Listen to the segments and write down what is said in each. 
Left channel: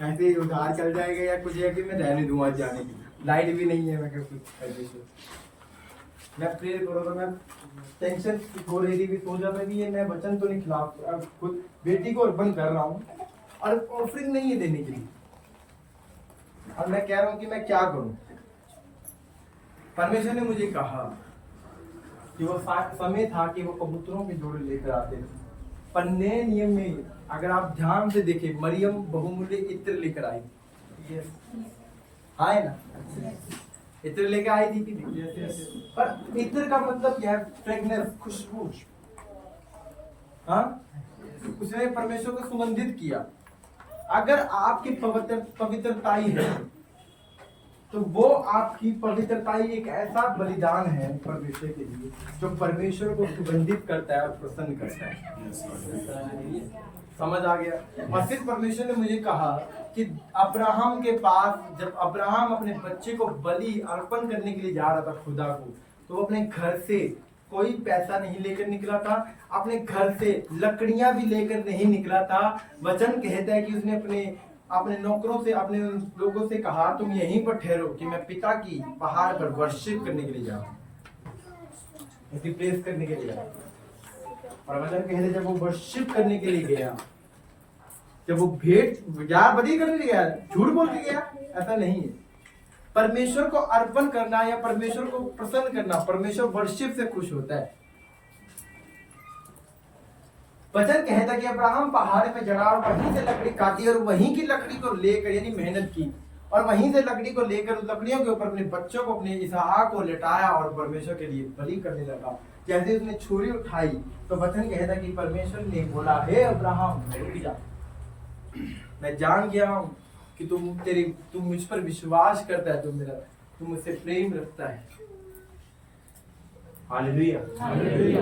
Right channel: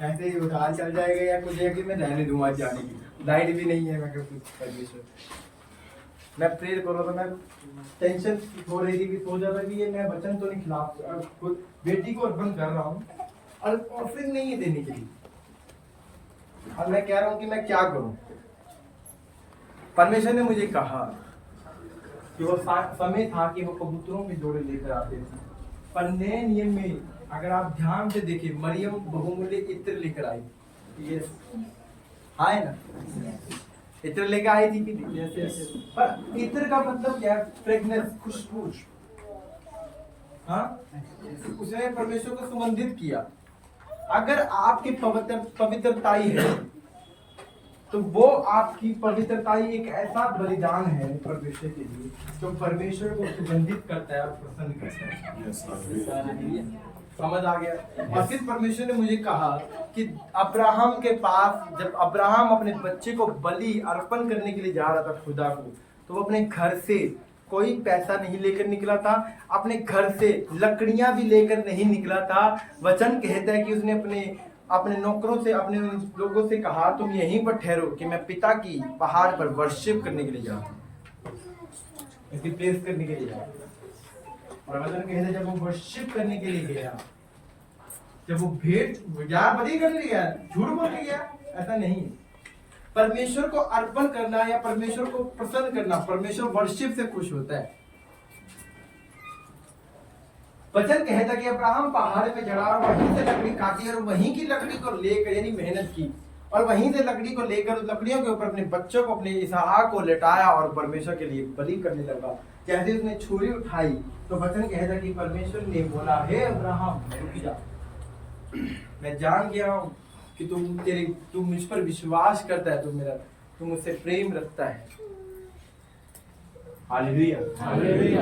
ऐसे ही उधार चल जाएगा या कुछ है कि मैं रहने दूंगा आज जाने की, लाइट भी नहीं है, मैं क्या कुछ परमेश्वर मैं प्रेयर करो तो मैं टेंशन हो रही थी कि सोचा था कि ये मैं वचन तो नहीं खिलाफ खुद बेटी को अर्पण कर रहा हूँ और ऑफरिंग नहीं है देने के लिए, और मैं कह रहा हूँ कि मैं क्या करूँ। परमेश्वर ने मुझे कहा कि वो समय था कि वो कबूतरों के जोड़े लेकर आते थे, पर नए नियम में अगर आप ध्यान से देखें मरियम बहुमूल्य इत्र लेकर आई, ये आए ना, इत्र लेकर आई थी कि नहीं? पर इत्र का मतलब क्या है? फ्रेगनेंस, खुशबू। हाँ, उसने परमेश्वर को सुगंधित किया। अगर आपकी पवित्रताई है तो वो आपकी पवित्रताई एक ऐसा बलिदान है परमेश्वर के लिए जो परमेश्वर को सुगंधित करता है और प्रसन्न करता है। समझ आ गया? और फिर परमेश्वर ने मुझे कहा कि अब्राहम के पास जब अब्राहम अपने बच्चे को बलि अर्पण करने के लिए जा रहा था खुदा को, तो वो अपने घर से कोई पैसा नहीं लेकर निकला था, अपने घर से लकड़ियां भी लेकर नहीं निकला था। वचन कहता है कि उसने अपने नौकरों से, अपने लोगों से कहा तुम यहीं पर ठहरो कि मैं पिता की पहाड़ पर वर्शिप करने के लिए जाऊं, इसकी प्रेस करने के लिए जाऊं। और वचन कहते हैं जब वो वर्शिप करने के लिए गया, जब वो भेंट यार बलि करने गया, झूठ बोल के गया, ऐसा नहीं है। परमेश्वर को अर्पण करना या परमेश्वर को प्रसन्न करना, परमेश्वर वर्शिप से खुश होता है। वचन कहता कि अब्राहम पहाड़ में चढ़ा और वहीं से लकड़ी काटी और वहीं की लकड़ी को लेकर, यानी मेहनत की, और वहीं से लकड़ी को लेकर उस लकड़ियों के ऊपर अपने बच्चों को, अपने इसहाक को लेटाया और परमेश्वर के लिए बलि करने लगा। जैसे उसने छुरी उठाई तो वचन कहता कि परमेश्वर ने बोला, हे अब्राहम रुक जा, मैं जान गया हूँ कि तू मुझ पर विश्वास करता है, तू मुझसे प्रेम रखता है। हालेलुया।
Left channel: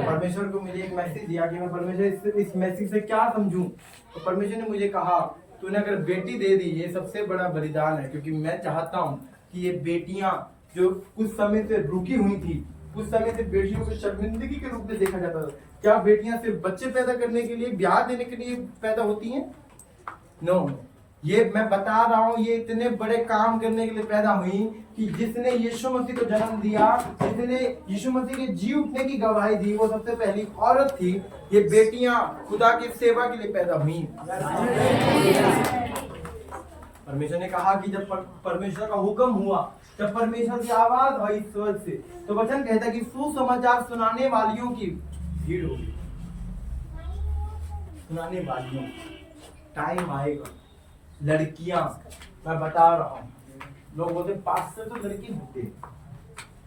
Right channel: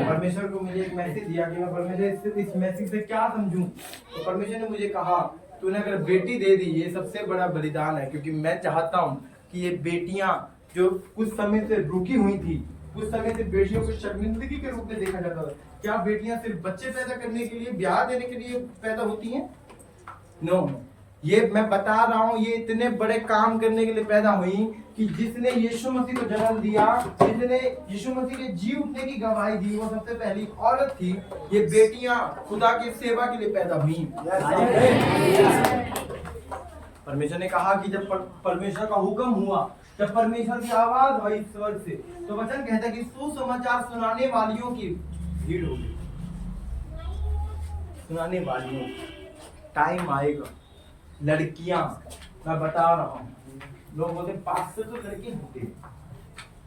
परमेश्वर को मुझे एक मैसेज दिया कि मैं परमेश्वर इस मैसेज से क्या समझूं। तो परमेश्वर ने मुझे कहा तूने अगर बेटी दे दी, ये सबसे बड़ा बलिदान है, क्योंकि मैं चाहता हूं कि ये बेटियां जो कुछ समय से रुकी हुई थी, कुछ समय से बेटियों को शर्मिंदगी के रूप में देखा जाता था। क्या बेटियां सिर्फ बच्चे पैदा करने के लिए, ब्याह देने के लिए पैदा होती हैं? नो, ये मैं बता रहा हूं, ये इतने बड़े काम करने के लिए पैदा हुई कि जिसने यीशु मसीह को जन्म दिया, जिसने यीशु मसीह के जी उठने की गवाही दी, वो सबसे पहली औरत थी। ये बेटियां खुदा की सेवा के लिए पैदा हुई। परमेश्वर ने कहा कि जब परमेश्वर का हुक्म हुआ, जब परमेश्वर की आवाज हुई स्वर्ग से, तो वचन कहता है कि सुसमाचार सुनाने वालियों की भीड़ होगी। सुनाने वालियों, टाइम आएगा। लड़कियां, मैं बता रहा हूँ, लोग बोलते पास्टर तो लड़की होते हैं,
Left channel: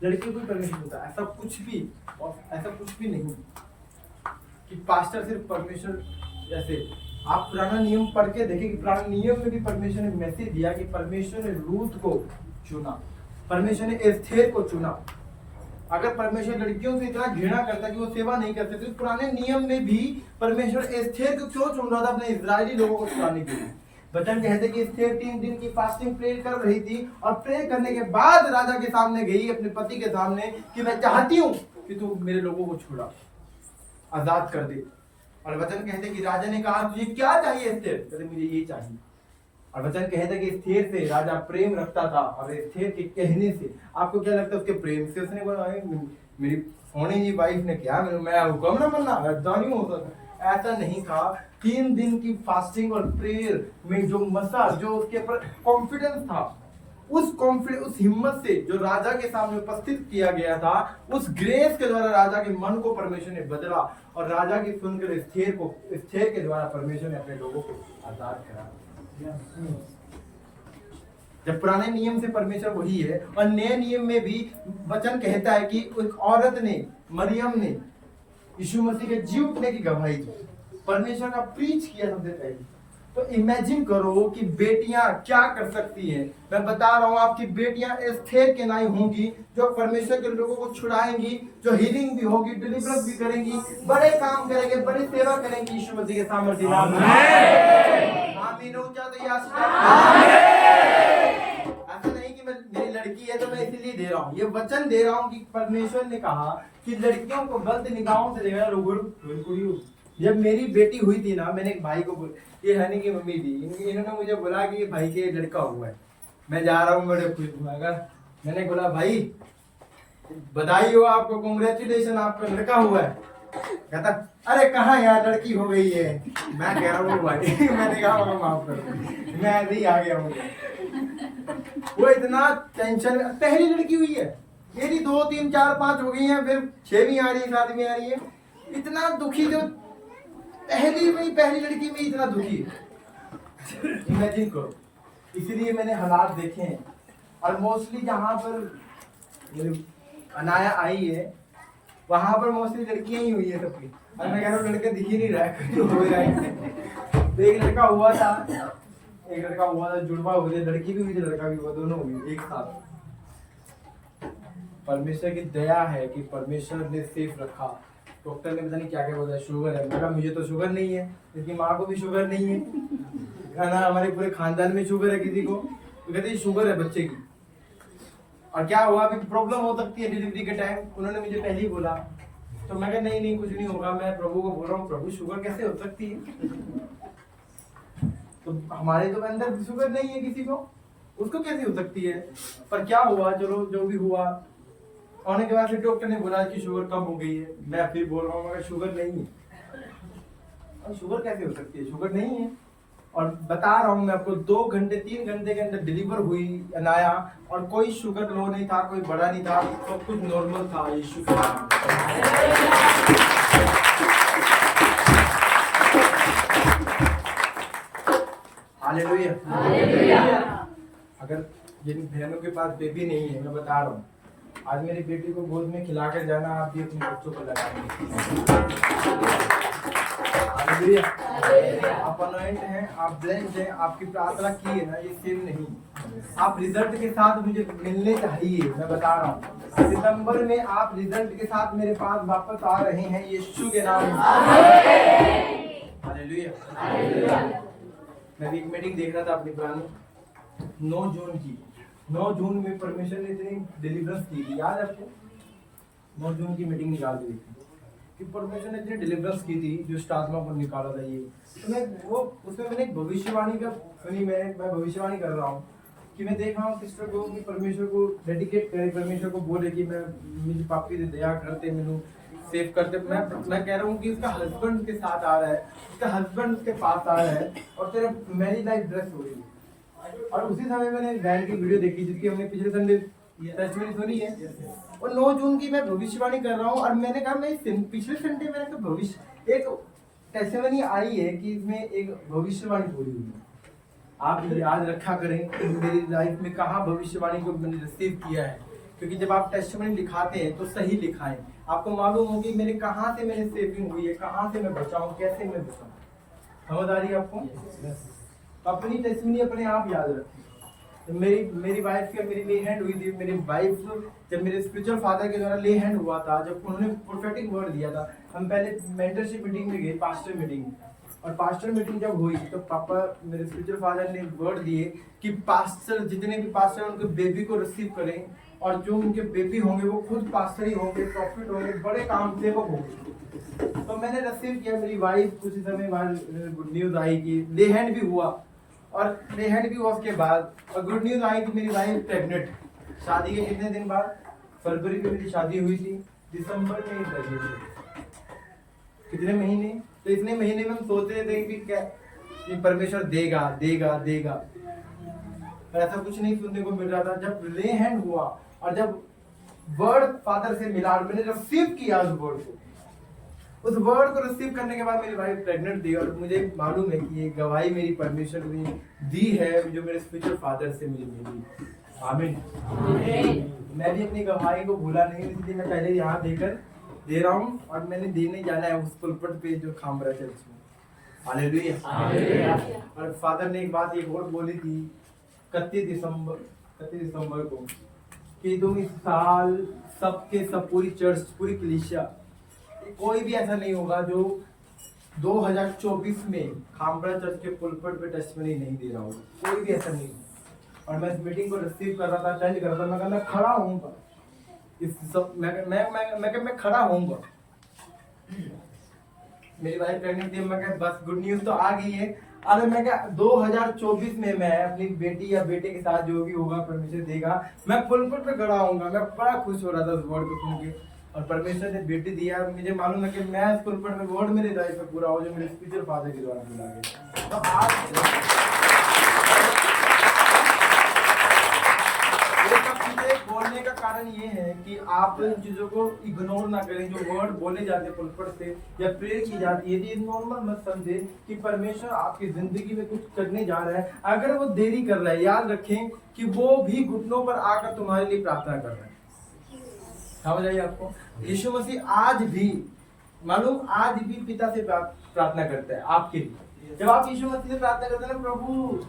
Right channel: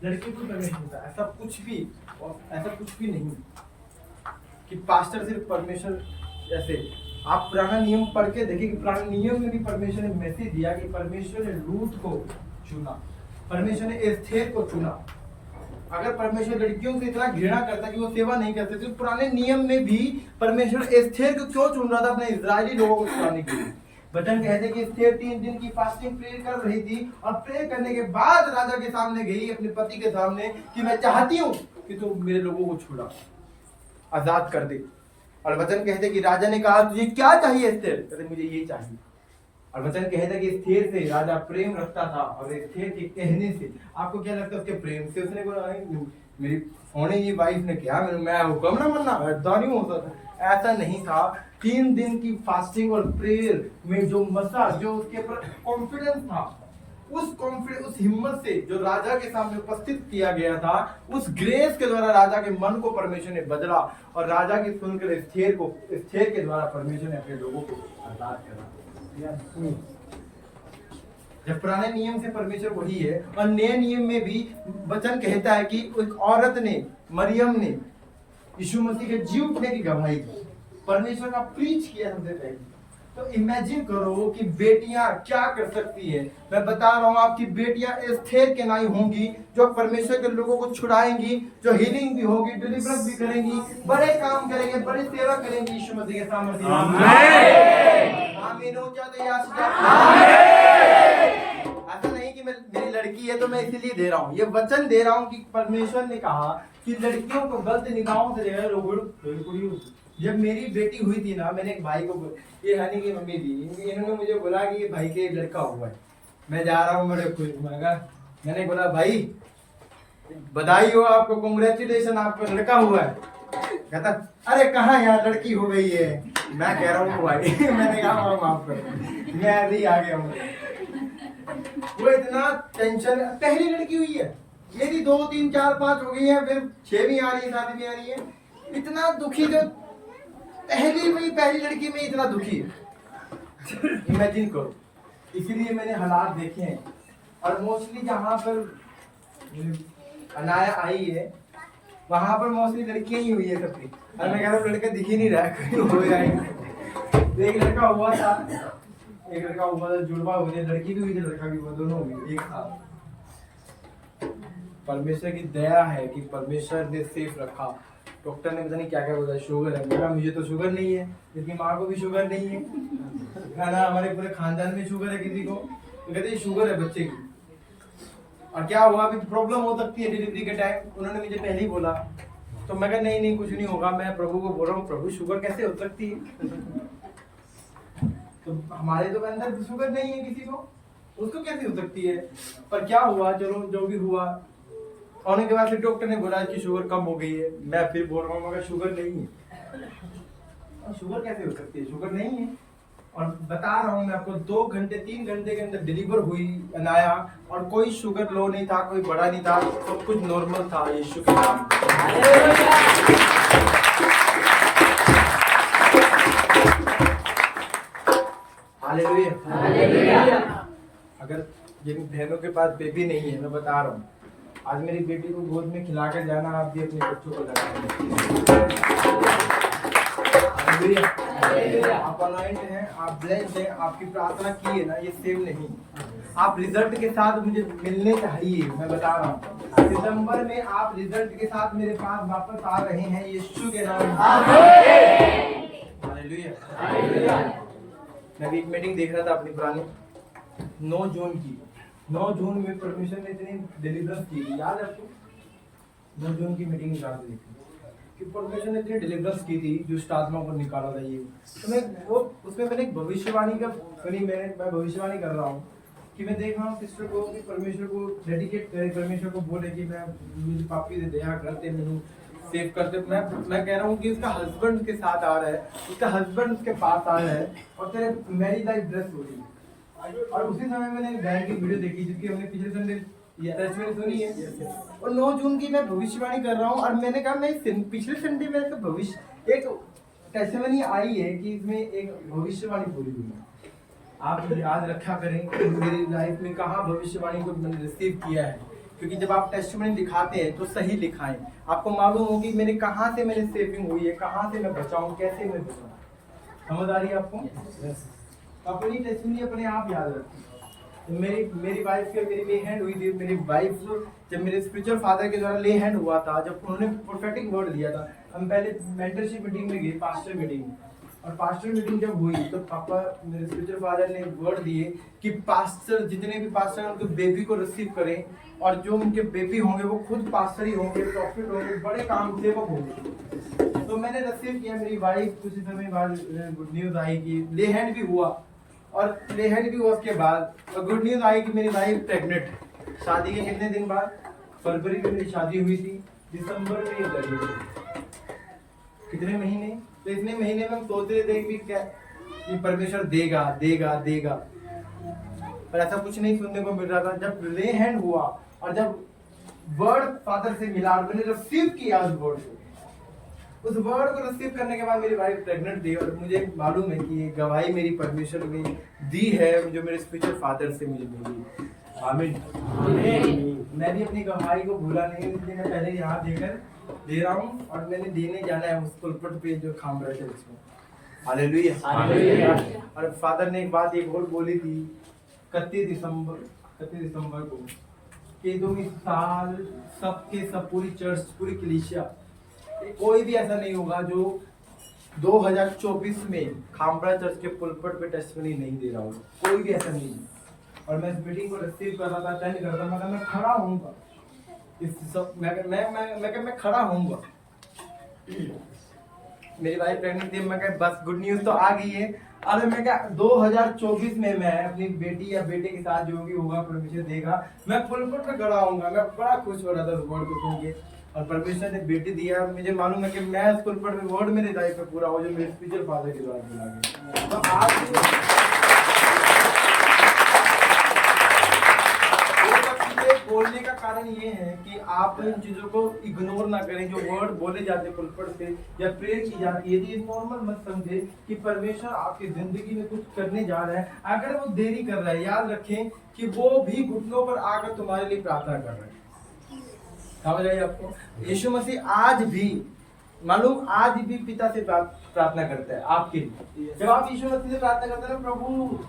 लड़की को परमेश्वर होता है, ऐसा कुछ भी नहीं कि पास्टर सिर्फ परमेश्वर। जैसे आप पुराना नियम पढ़ के देखिए कि पुराने नियम में भी परमेश्वर ने मैसेज दिया कि परमेश्वर ने रूथ को चुना, परमेश्वर ने एस्थेर को चुना। अगर परमेश्वर लड़कियों से इतना घृणा करता कि वो सेवा नहीं करते, तो पुराने नियम में भी परमेश्वर एस्थेर को क्यों चुन रहा था अपने इजरायली लोगों को छुड़ाने के लिए? वचन कहते कि एस्थेर 3 दिन की फास्टिंग प्रेयर कर रही थी, और प्रेयर करने के बाद राजा के सामने गई, अपने पति के सामने, कि मैं चाहती हूँ कि तू मेरे लोगों को छुड़ा, आजाद कर दे। और वचन कहते कि राजा ने कहा तुझे क्या चाहिए एस्थेर? कहते मुझे ये चाहिए। और वचन कहता कि एस्थेर से राजा प्रेम रखता था, और एस्थेर के कहने से, आपको क्या लगता है उसके प्रेम से उसने बोला मेरी होने की वाइफ ने क्या मैं हुक्म ना मनना, ऐसा नहीं हो सकता? ऐसा नहीं था। 3 दिन की फास्टिंग और प्रेयर में जो उसके ऊपर कॉन्फिडेंस था, उस हिम्मत से जो राजा के सामने उपस्थित किया गया था, उस ग्रेस के द्वारा राजा के मन को परमेश्वर ने बदला, और राजा की सुनकर एस्थेर के द्वारा परमेश्वर ने अपने लोगों को आजाद करा। जब पुराने नियम से परमेश्वर वही है, और नए नियम में भी वचन कहता है कि एक औरत ने, मरियम ने यीशु मसीह के जी उठने की गवाही दी, परमेश्वर का प्रीच किया सबसे पहले। तो इमेजिन करो कि बेटियां क्या कर सकती है। मैं बता रहा हूं, आपकी बेटियां एस्थेर के नाई होंगी, जो परमेश्वर के लोगों को छुड़ाएंगी, जो हीलिंग भी होगी, डिलीवरेंस भी करेंगी, बड़े काम करेंगे, बड़ी सेवा करेंगी यीशु मसीह के सामर्थ्य। आमीन। ऐसा नहीं कि मेरी लड़की है तो मैं इसीलिए दे रहा हूँ, ये वचन दे रहा हूँ कि परमेश्वर ने कहा कि लड़कियों को गलत निगाहों से देखा, जब मेरी बेटी हुई थी ना, मैंने एक भाई को ये हनी की मम्मी थी, इन्होंने मुझे बोला कि ये भाई के लड़का हुआ है। मैं जा रहा हूँ मेरे खुश, मैंने बोला भाई बधाई हो आपको, कांग्रेचुलेशन, आपका लड़का हुआ है। कहता अरे कहाँ यार लड़की हो गई है। मैं कह रहा हूँ भाई मैंने कहा वहाँ माफ कर, मैं ऐसे ही आ गया हूँ। वो इतना टेंशन, पहली लड़की हुई है, ये भी 2 3 4 5 हो गई हैं, फिर 6वीं आ रही है, 7वीं आ रही है। इतना दुखी जो पहली लड़की में इतना दुखी है, इमेजिन करो। इसीलिए मैंने हालात देखे हैं। और मोस्टली जहाँ पर अनाया आई है वहां पर मोस्टली लड़कियां ही हुई है सबकी। और मैं कह रहा हूँ लड़का दिख ही नहीं रहा है, कोई हो जाएगा। एक लड़का हुआ था, जुड़वा हुए थे, लड़की भी हुई थी लड़का भी हुआ, दोनों हुई एक साथ। परमेश्वर की दया है कि परमेश्वर ने सेफ रखा। डॉक्टर ने पता नहीं क्या क्या बोला, शुगर है। बोला मुझे तो शुगर नहीं है, लेकिन माँ को भी शुगर नहीं है ना, हमारे पूरे खानदान में शुगर है किसी को, तो कहते शुगर है बच्चे की। और क्या हुआ, अभी प्रॉब्लम हो सकती है डिलीवरी के टाइम। उन्होंने मुझे पहले ही बोला, तो मैं कहा नहीं कुछ नहीं होगा। मैं प्रभु को बोल रहा हूँ, प्रभु शुगर कैसे हो सकती है? तो हमारे तो अंदर शुगर नहीं है किसी को, उसको कैसे हो सकती है? पर क्या हुआ, चलो जो भी हुआ, होने के बाद फिर डॉक्टर ने बोला कि शुगर कम हो गई है। मैं फिर बोल रहा हूँ मगर शुगर नहीं है। और शुगर कैसे हो सकती है? शुगर नहीं है। और बता रहा हूँ मैं आपको, 2 घंटे 3 घंटे के अंदर डिलीवर हुई अनाया, और कोई शुगर लो नहीं था, कोई बड़ा नहीं था, सब कुछ नॉर्मल था। यीशु के नाम। हालेलुया। अगर जिन बहनों के पास बेबी नहीं है, मैं बता रहा हूँ, आज मेरी बेटी को गोद में खिलाकर जाना, आप भी अपने बच्चों को लगा। आप अनॉइंट हैं, आप ब्लेस्ड हैं, आपकी प्रार्थना की है ना, ये सेव नहीं। आप रिजल्ट के साथ मुझे मिलने चाहिए। मैं बता रहा हूँ सितंबर में आप रिजल्ट के साथ मेरे पास वापस आ रहे हैं, यीशु के नाम में। हालेलुया। मैं भी एक मीटिंग देख रहा था अपनी पुरानी, 9 जून की। 9 जून में परमेश्वर ने इतनी डिलीवरेंस की थी, याद है आपको? 9 जून की मीटिंग निकाल दी थी कि परमेश्वर ने इतनी डिलीवरेंस की थी, जो आत्मा को निकाला था। ये तो मैं वो उसमें मैंने एक भविष्यवाणी का सुनी, मैं भविष्यवाणी कर रहा हूँ कि मैं देख रहा हूँ सिस्टर को कि परमेश्वर को डेडिकेट करे, परमेश्वर को बोले कि मैं मेरी पापी से दया करते, मैंने सेव करते। मैं कह रहा हूँ कि उसका हस्बैंड उसके साथ आ रहा है, उसका हस्बैंड उसके पास आ रहा है, और तेरे मैरिज लाइफ ड्रेस हो रही है। और उसी समय मैंने बैंड की वीडियो देखी जिसकी हमने पिछले संडे टेस्टमनी सुनी है। और 9 जून की मैं भविष्यवाणी कर रहा हूँ, और मैंने कहा मैं पिछले संडे में भविष्य एक टेस्टमनी आई है कि इसमें एक भविष्यवाणी बोली हुई है। आप याद रखा करें कि मेरी लाइफ में कहाँ भविष्यवाणी को मैंने रिसीव किया है, क्योंकि जब आप टेस्टमनी दिखाते हैं तो सही दिखाएं। आपको मालूम हो कि मेरे कहाँ से मेरी सेविंग हुई है, कहाँ से मैं बचाऊं, कैसे मैं बचाऊं। समझ आ रही है आपको? अपनी टेस्टमनी अपने आप याद रखें। तो मेरी वाइफ की मेरी ले हैंड हुई थी। मेरी वाइफ जब मेरे स्पिरिचुअल फादर के द्वारा ले हैंड हुआ था, जब उन्होंने प्रोफेटिक वर्ड दिया था, हम पहले मेंटरशिप मीटिंग में गए, पास्टर मीटिंग। और पास्टर मीटिंग जब हुई तो पापा मेरे स्पिरिचुअल फादर ने वर्ड दिए कि पास्टर, जितने भी पास्टर उनके बेबी को रिसीव करें, और जो उनके बेबी होंगे वो खुद पास्टर ही होंगे, प्रॉफिट होंगे, बड़े काम सेवक होंगे। तो मैंने रिसीव किया। मेरी वाइफ कुछ समय बाद गुड न्यूज आई कि ले हैंड भी हुआ, और ले हैंड भी हुआ उसके बाद, और गुड न्यूज आई कि मेरी वाइफ प्रेग्नेंट। शादी के कितने दिन बाद? फरवरी में मेरी शादी हुई थी, दिसंबर में ये प्रेग्नेंट। कितने महीने? तो इतने महीने में हम सोच रहे थे कि क्या कि परमेश्वर देगा देगा देगा, पर ऐसा कुछ नहीं सुनने को मिल रहा था। जब ले हैंड हुआ और जब वर्ड फादर से मिला और मैंने रिसीव किया उस वर्ड को, उस वर्ड को रिसीव करने के बाद मेरी वाइफ प्रेग्नेंट थी। और मुझे मालूम है कि ये गवाही मेरी परमेश्वर ने दी है, जो मेरे स्पिरिचुअल फादर से मिली। आमीन। मैं भी अपनी गवाही को भूला नहीं, इसलिए मैं पहले यहाँ देकर दे रहा हूँ, और मैंने देने जाना है उस पुलपट पे जो खामरा चर्च में। हालेलुया। और फादर ने एक बात एक और बोली थी 31 दिसंबर को कि तुम इस साल सबके सब पूरी चर्च, पूरी कलीसिया, कोई भी ऐसा नहीं होगा जो 2024 में खामरा चर्च के पुलपट पे टेस्टिमनी नहीं दे रहा होगा। कोई भी ऐसा नहीं। और मैं इस मीटिंग को रिसीव कर रहा था, अटेंड कर रहा था, मैं खड़ा होऊंगा इस सब, मैं खड़ा होऊंगा। मेरी वाइफ प्रेगनेंट थी, मैं कहा बस गुड न्यूज तो आ गई है। अरे मैं क्या 2024 में मैं अपनी बेटी या बेटे के साथ जो भी होगा परमेश्वर देगा, मैं पुलपट पे खड़ा होऊंगा। मैं बड़ा खुश हो रहा था उस वर्ड को सुन के, और परमेश्वर ने बेटी दिया, मुझे मालूम है कि मैं उस पुलपट में वर्ड मेरे लाइफ में पूरा हो जो मेरे स्पिरिचुअल फादर के द्वारा मिला गया। तो आज बोलने का कारण ये है कि आप इन चीजों को इग्नोर ना करें, जो वर्ड बोले जाते हैं पुलपट से या प्रेयर की जाती है, ये नॉर्मल मत समझे कि परमेश्वर आपकी जिंदगी में कुछ करने जा रहा है। अगर वो देरी कर रहा है, याद रखें कि वो भी घुटनों पर आकर तुम्हारे लिए प्रार्थना कर रहा है। समझ आई आपको? यीशु मसीह आज भी मालूम, आज भी पिता से प्रार्थना करता है आपके लिए। जब आप यीशु मसीह से प्रार्थना करते हैं, प्रभु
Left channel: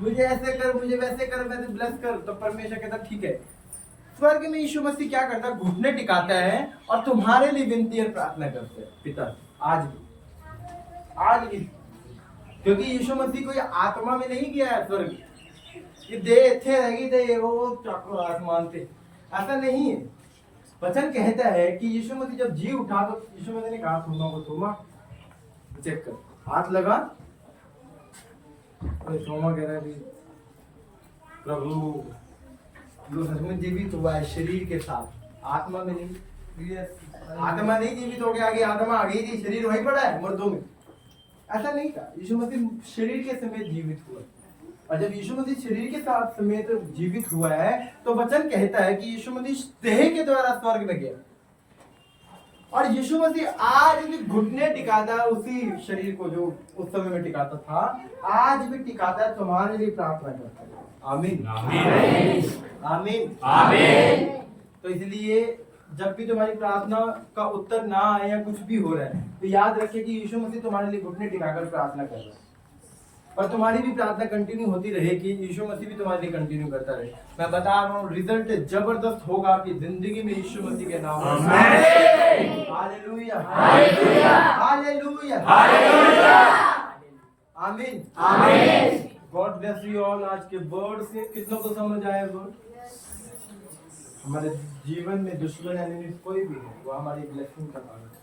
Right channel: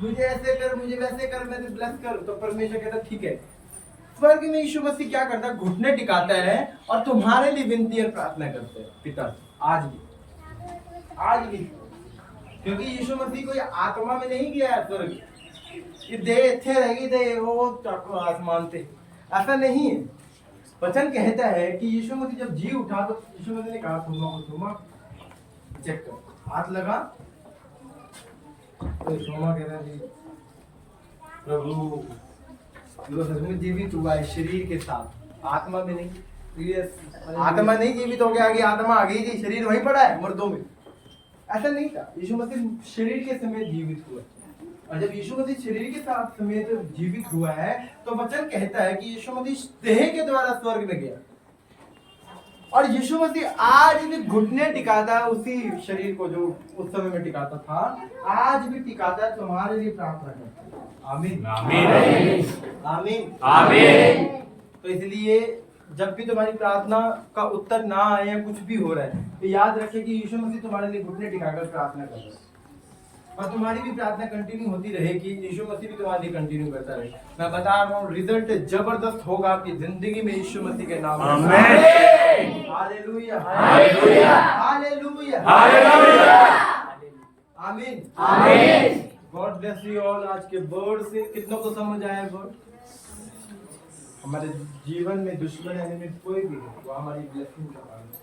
मुझे ऐसे कर, मुझे वैसे कर, वैसे ब्लेस कर, तो परमेश्वर कहता ठीक है। स्वर्ग में यीशु मसीह क्या करता है? घुटने टिकाता है और तुम्हारे लिए विनती और प्रार्थना करते हैं पिता। आज भी क्योंकि यीशु मसीह कोई आत्मा में नहीं गया है स्वर्ग, ये देह थे रहेगी थे वो आसमान थे, ऐसा नहीं है। वचन कहता है कि यीशु मसीह जब जी उठा तो यीशु मसीह ने कहा थोमा चेक कर, हाथ लगा। तो थोमा कह रहा है प्रभु वो सचमुच जीवित हुआ है शरीर के साथ, आत्मा में नहीं। आत्मा नहीं जीवित हो गया, आगे आत्मा आ गई थी, शरीर वहीं पड़ा है मुर्दों में, ऐसा नहीं था। यीशु मसीह शरीर के समेत जीवित हुआ, और जब यीशु मसीह शरीर के साथ समेत जीवित हुआ है तो वचन कहता है कि यीशु मसीह देह के द्वारा स्वर्ग में गया, और यीशु मसीह आज भी घुटने टिकाता है उसी शरीर को जो उस समय में टिकाता था, आज भी टिकाता है, तुम्हारे लिए प्रार्थना करता है। आमीन आमीन आमीन आमीन। तो इसलिए जब भी तुम्हारी प्रार्थना का उत्तर ना आए या कुछ भी हो रहा है, तो याद रखें कि यीशु मसीह तुम्हारे लिए घुटने टिकाकर प्रार्थना कर रहा है, और तुम्हारी भी प्रार्थना कंटिन्यू होती रहेगी। यीशु मसीह भी तुम्हारे लिए कंटिन्यू करता रहे। मैं बता रहा हूँ रिजल्ट जबरदस्त होगा आपकी जिंदगी में यीशु मसीह के नाम में। हालेलुया हालेलुया हालेलुया हालेलुया आमीन आमीन। God bless you all. आज के वर्ड से कितनों को समझ आया? वर्ड हमारे जीवन में दुश्मन एनिमी कोई भी हो, वो हमारी ब्लेसिंग का कारण है।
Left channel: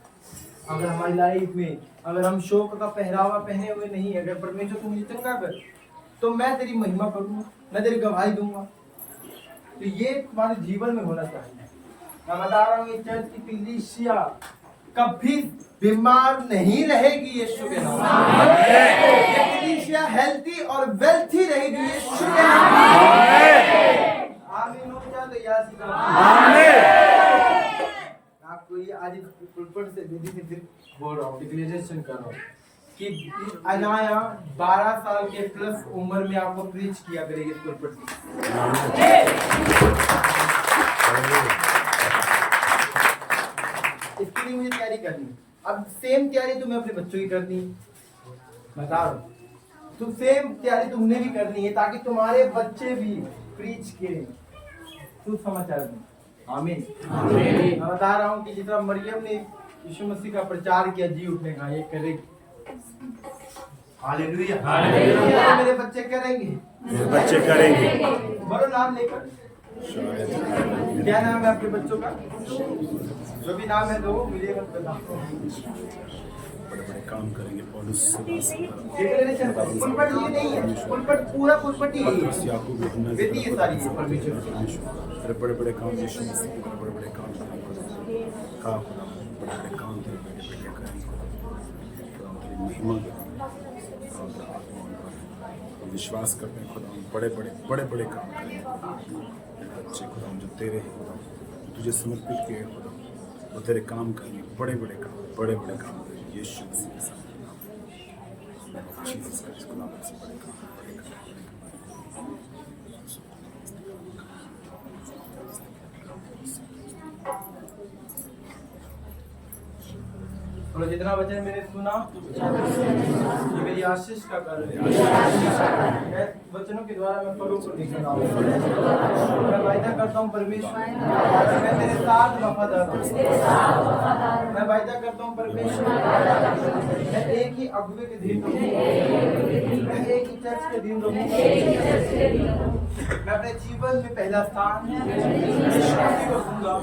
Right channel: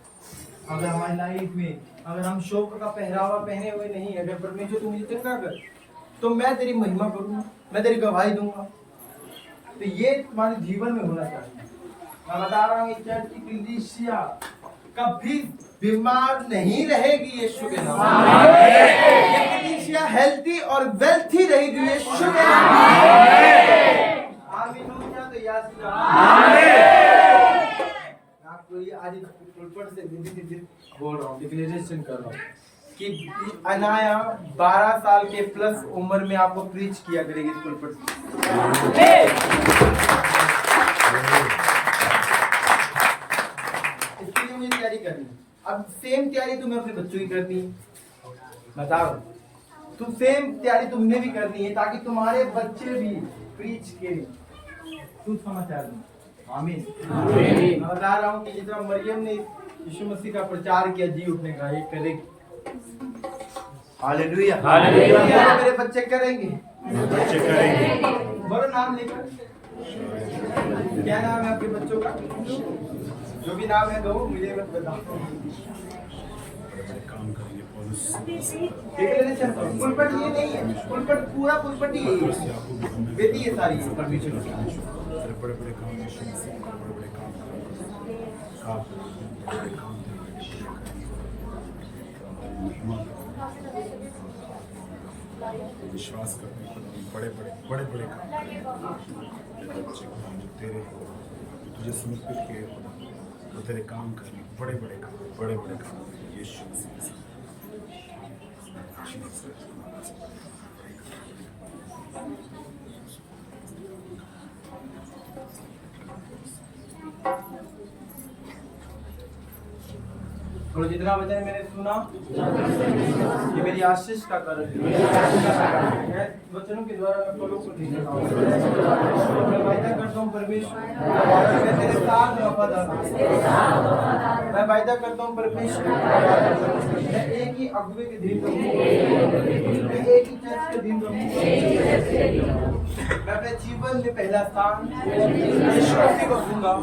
अगर हमारी लाइफ में अगर हम शोक का पहरावा पहने हुए नहीं, अगर परमेश्वर तू मुझे चंगा कर तो मैं तेरी महिमा करूंगा, मैं तेरी गवाही दूंगा। तो ये तुम्हारे जीवन में होना चाहिए। मैं बता रहा हूँ चर्च की कलीसिया कभी बीमार नहीं रहेगी यीशु के नाम में। ये कलीसिया हेल्थी और वेल्थी रहेगी यीशु के नाम में। आमीन हो जाए तो याद से आपको ये आज पुलपट से बोल रहा हूँ, डिक्लेरेशन कर रहा हूँ कि अनाया 12 साल के प्लस उम्र में आपको प्रीच किया करेगी इस पुलपट से। इसके लिए मुझे तैयारी करनी। अब सेम तैयारी तुम्हें अपने बच्चों की करनी है, बता रहा हूँ। तो सेम तैयारी तुमने भी करनी है ताकि तुम्हारे बच्चे भी प्रीच करें सुसमाचार में। आमीन आमीन। मैं बता रहा हूँ कि जिस तरह मरियम ने यीशु मसीह का प्रचार किया जी उठने का, ये करेगी। Hallelujah hallelujah. मेरे बच्चे करेंगे, बच्चे करेंगे। बड़ो नाम लेकर। क्या नाम है आपके बच्चों का? जो भी नाम है दो, मुझे मत बताओ। काम करेंगे डिक्लेरेशन करो। पुलपट ये नहीं है, पुलपट पूरा पुलपट ही है, बेटी ये सारी है परमेश्वर। बड़े बड़े काम, बड़े बड़े काम विश्वास करते हैं, बड़े बड़े बड़े काम बच्चे जो तेरे तुझे समर्पित किए वो तेरे काम करेंगे, बड़े बड़े काम यीशु मसीह। और जितना वचन मैंने सुना ये मेरी आशीष का कारण है। मैं वचनों के द्वारा मैं फलों को दिख रहा हूँ। मैं वायदा करता हूँ परमेश्वर मैं तेरे साथ वफादार हूँ। मैं वायदा करता हूँ परमेश्वर मैं एक ही अगुवे के दिन रहूँगा, एक ही चर्च के दिन रहूँगा। मैं अपने जीवन में पहला स्थान यीशु मसीह को दूंगा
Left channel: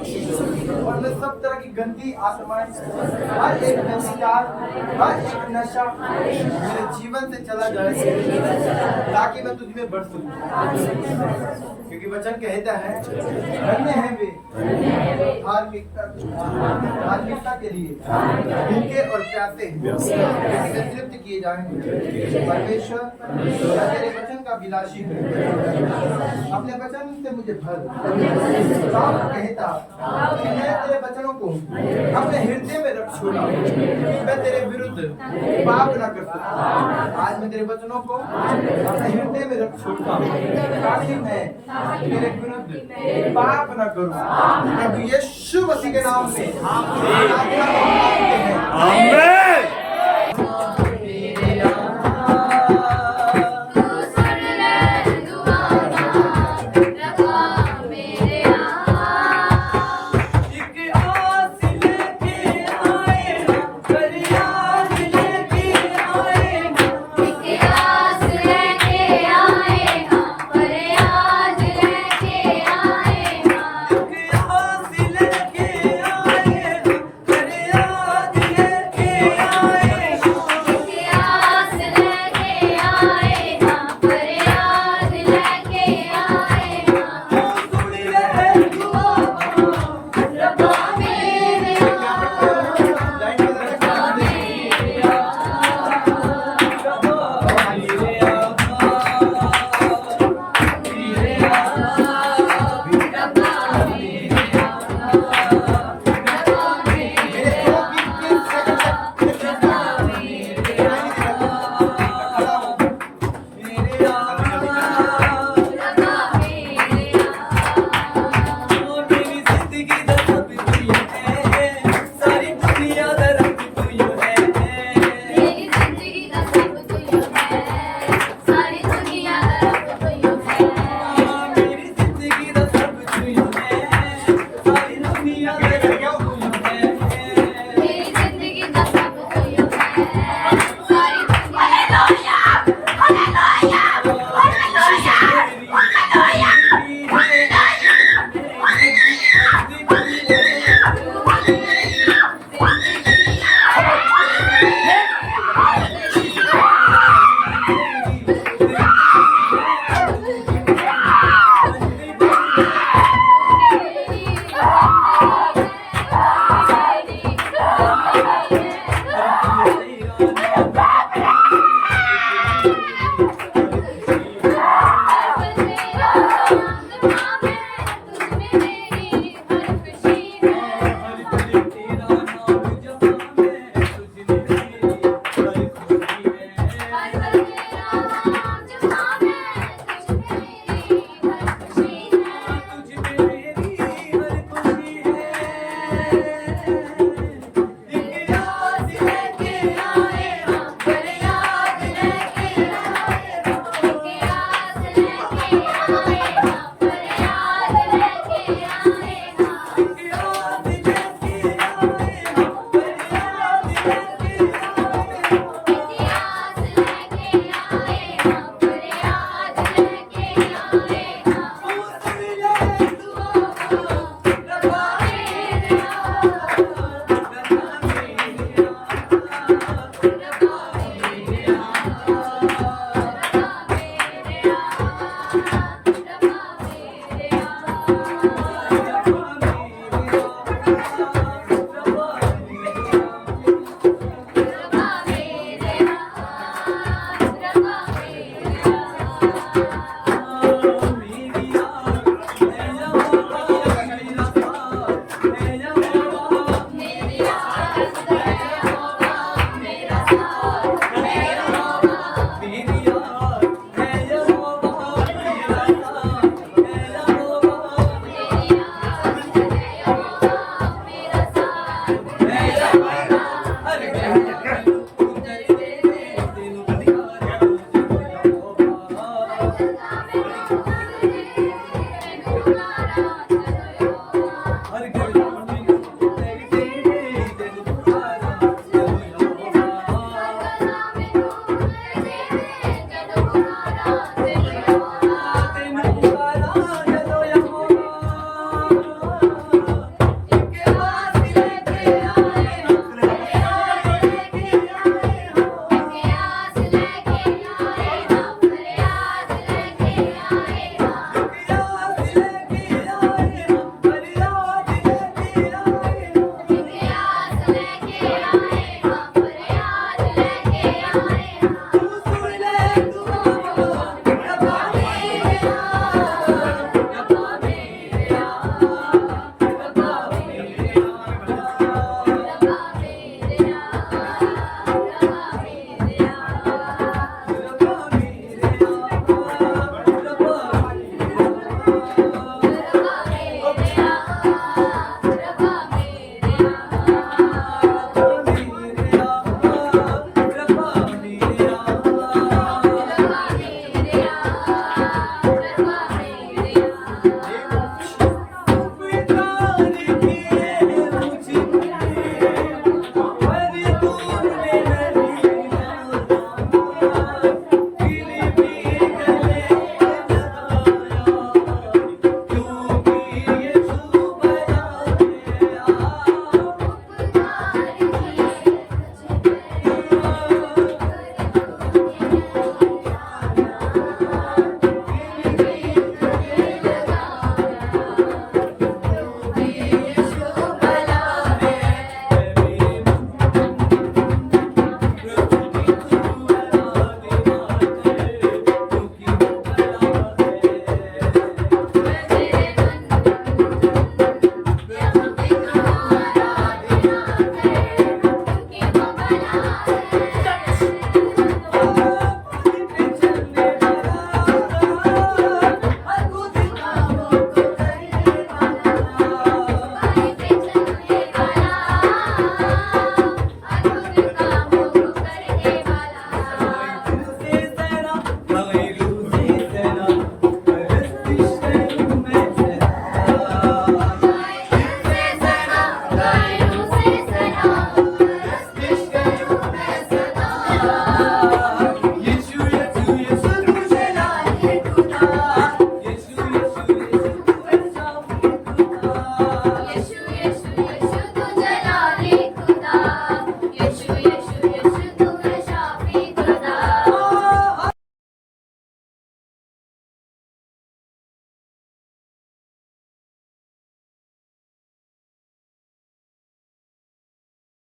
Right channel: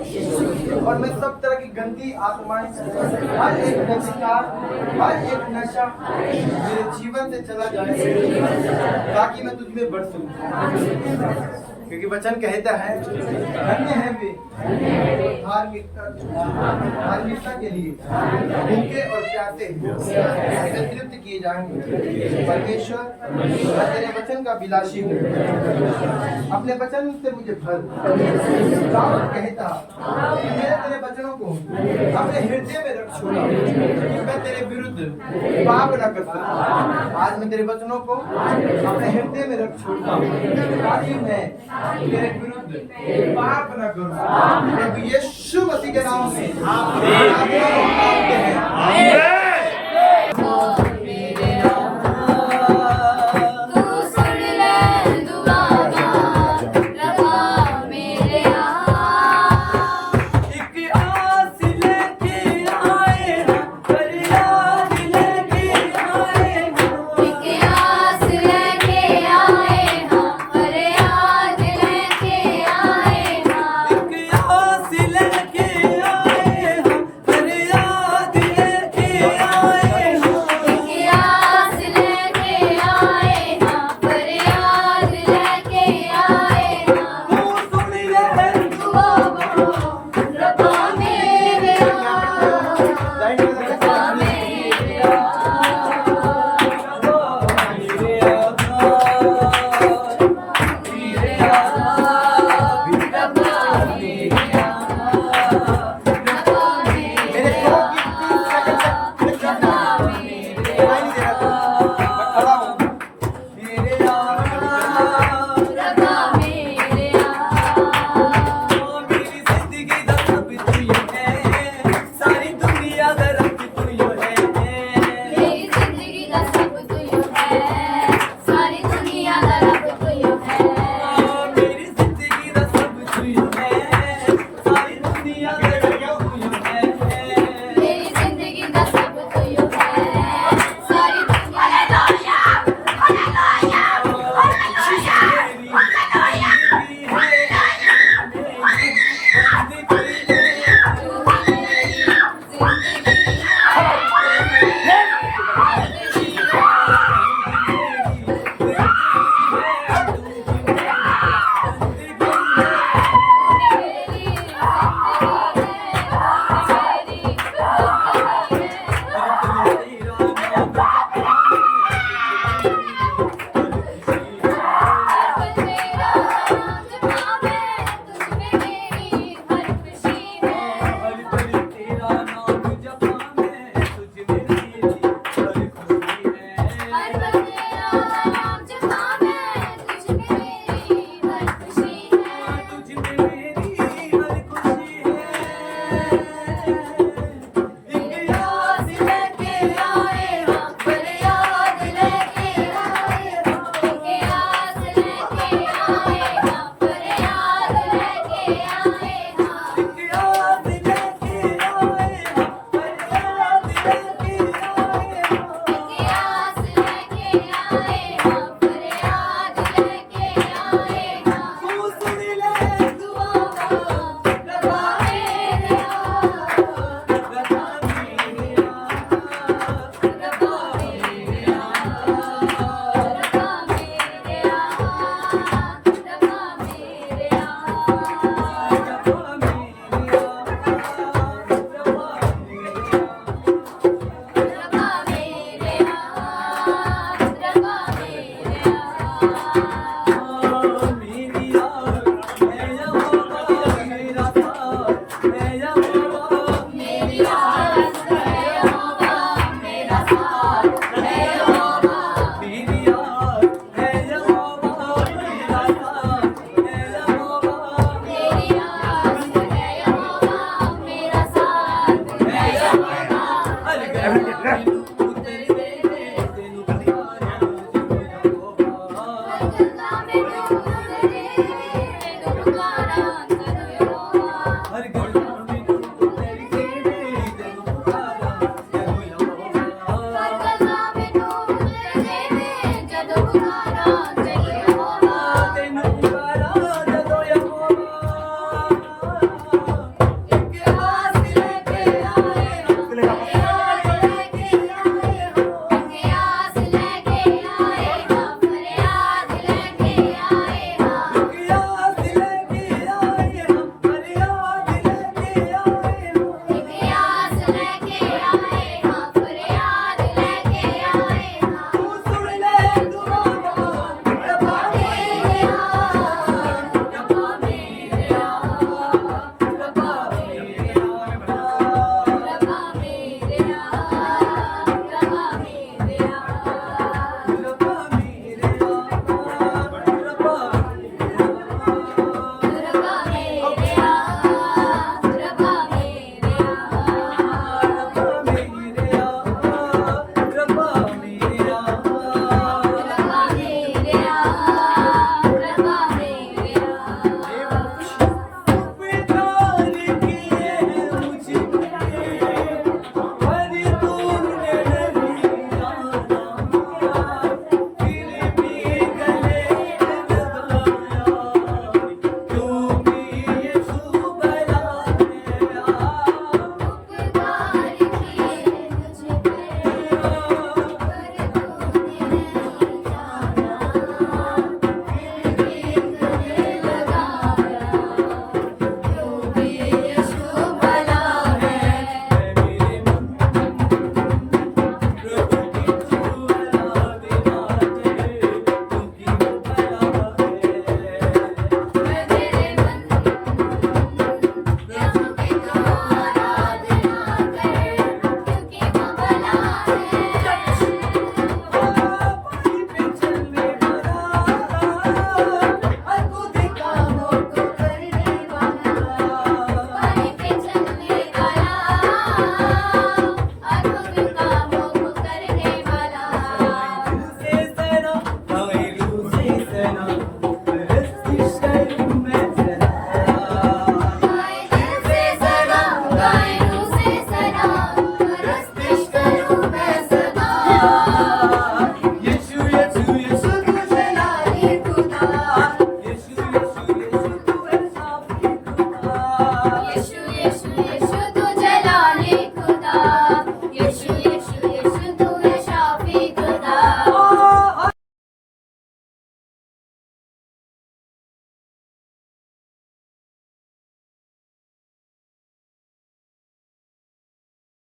और मैं सब तरह की गंदी आत्माएं, हर एक नशीकार, हर एक नशा मेरे जीवन से चला जाए ताकि मैं तुझ में बढ़ सकूं। क्योंकि वचन कहता है धन्य है वे धार्मिकता के लिए भूखे और प्यासे वे तृप्त किए जाएंगे। परमेश्वर मैं तेरे वचन का विलासी हूँ, अपने वचन से मुझे भर। दाऊद कहता कि मैं तेरे वचनों को अपने हृदय में रख छोड़ा, मैं तेरे विरुद्ध पाप न कर सकता। आज मैं तेरे वचनों को अपने हृदय में रख छोड़ता हूँ ताकि मैं तेरे विरुद्ध पाप न करूं। प्रभु यीशु मसीह के नाम में प्रार्थना को मांगते हैं, आमीन।